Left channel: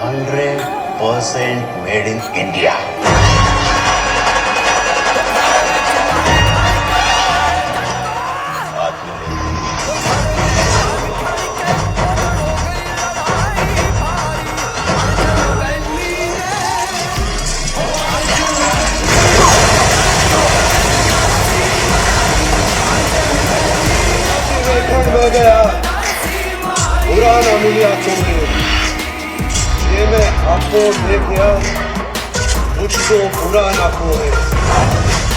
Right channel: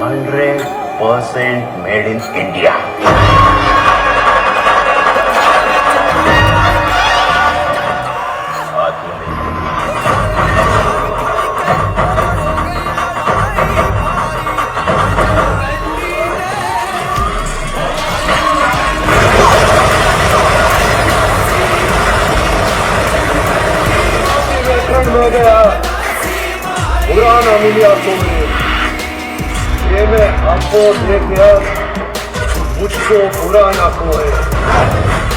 100% made in India. में गया बुरा न मिलिया तुम्हें, ये मैं आपको देखा मुझको बुरा न कोई।